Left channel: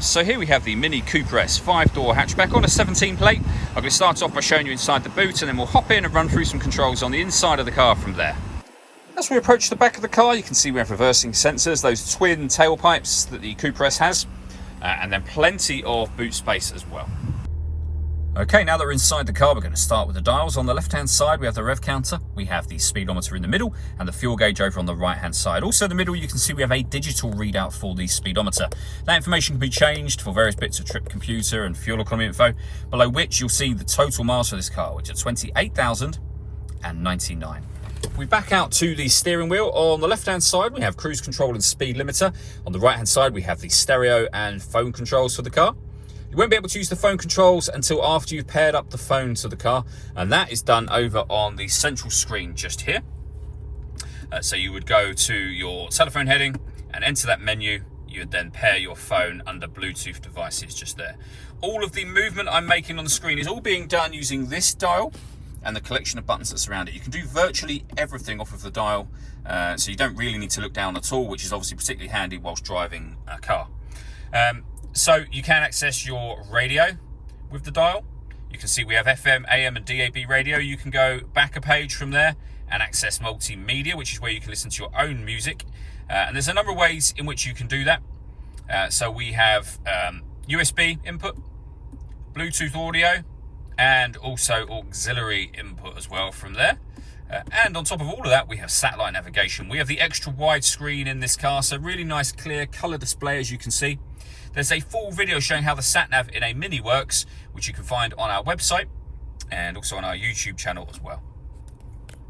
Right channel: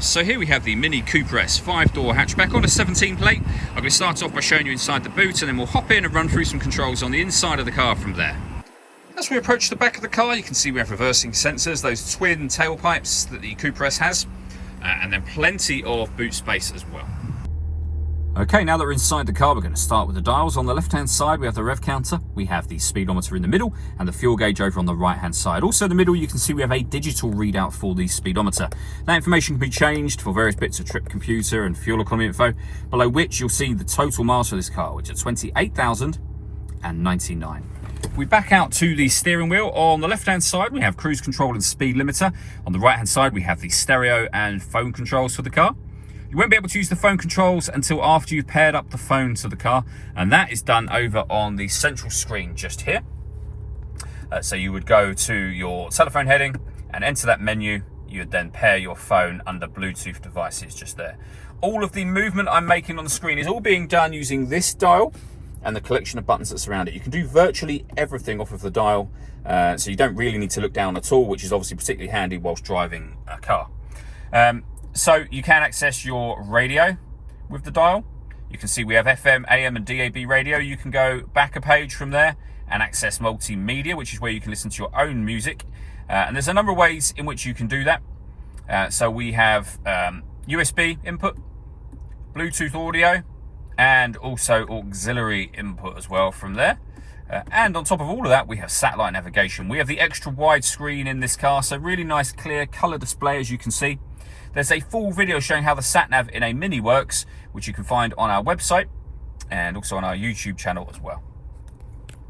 So here we have the Mini Cooper S 5-door hatchback on a 17 plate. I'm going to start off by showing you inside the boot, and then we'll hop in and run through some controls on the inside of the car from there. As we approach the back of the car, you can see we have reversing sensors, those twin tailpipes that the Cooper S has, and then plenty of boot space as well. Okay, now that we're inside the car, we're going to start with the dials. On the left-hand side, we have the rev counter, we have the speedometer in the middle, and the fuel gauge over on the right-hand side. Also in the middle, you can see we have a digital readout for the speedometer. That information can be changed for various bits of trip computer and fuel economy info, below which you'll see the total miles for this car, which are 28,099. We back out to the steering wheel. On the left-hand side, we have cruise control and speed limiter. On the right-hand side, we have the stereo and phone controls for the car. You won't be able to use the phone controls until after you've paired up the phone to the car, and that is done over on the central screen just here. So you would go to your telephone heading and enter that menu. You would then pair your phone under Bluetooth devices just there. All of the movement I'm making on the screen is all being done using this dial and the collection of buttons that surround it. You can do virtually everything off of the dial, so you don't really need to look down at all, which is obviously particularly handy whilst driving a car. So you can access your radio with the dial. You can see we have FM, AM and DAB radio. You can go back a page from there and access multimedia, which is where you can listen to your own music. And there's a number of ways in which you can do that. So we have USB input, Bluetooth audio, and also auxiliary input as well from there. And on top of all of that, we have satellite navigation. We have the extra wide screen in this car, so really nice clear color display, as you can see. There's a full video showing how the sat-nav in a Mini works, which you can find on our website and also on our YouTube channel as well.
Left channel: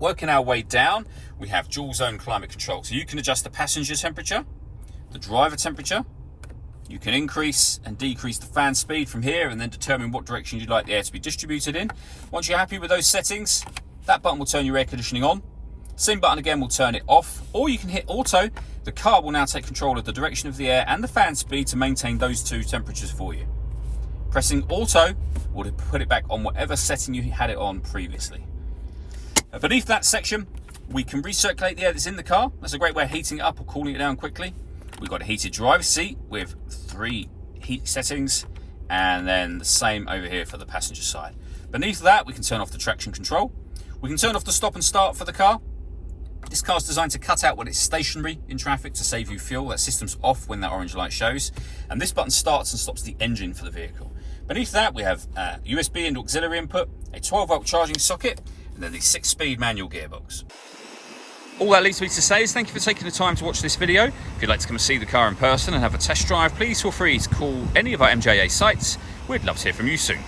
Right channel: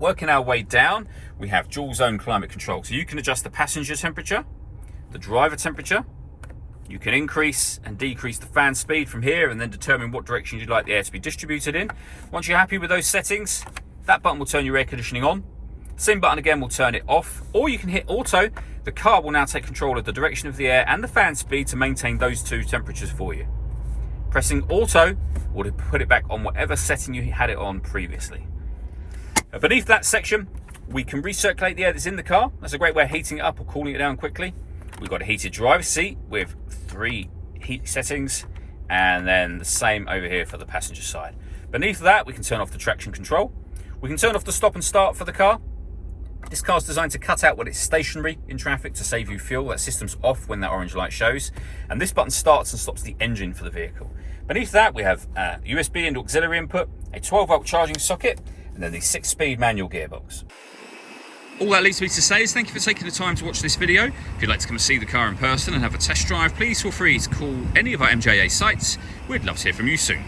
Working our way down, we have dual zone climate control. So you can adjust the passenger temperature, the driver temperature. You can increase and decrease the fan speed from here and then determine what direction you'd like the air to be distributed in. Once you're happy with those settings, that button will turn your air conditioning on. Same button again will turn it off, or you can hit auto. The car will now take control of the direction of the air and the fan speed to maintain those two temperatures for you. Pressing auto will put it back on whatever setting you had it on previously. Beneath that section, we can recirculate the air that's in the car. That's a great way of heating it up or cooling it down quickly. We've got a heated driver's seat with 3 heat settings, and then the same over here for the passenger side. Beneath that, we can turn off the traction control. We can turn off the stop and start for the car. This car's designed to cut out when it's stationary in traffic to save you fuel. That system's off when that orange light shows. And this button starts and stops the engine for the vehicle. Beneath that, we have USB and auxiliary input, a 12-volt charging socket, and then the 6-speed manual gearbox. All that leaves me to say is thank you for taking the time to watch this video. If you'd like to come and see the car in person and have a test drive, please feel free to call any of our MJA sites. We'd love to hear from you soon.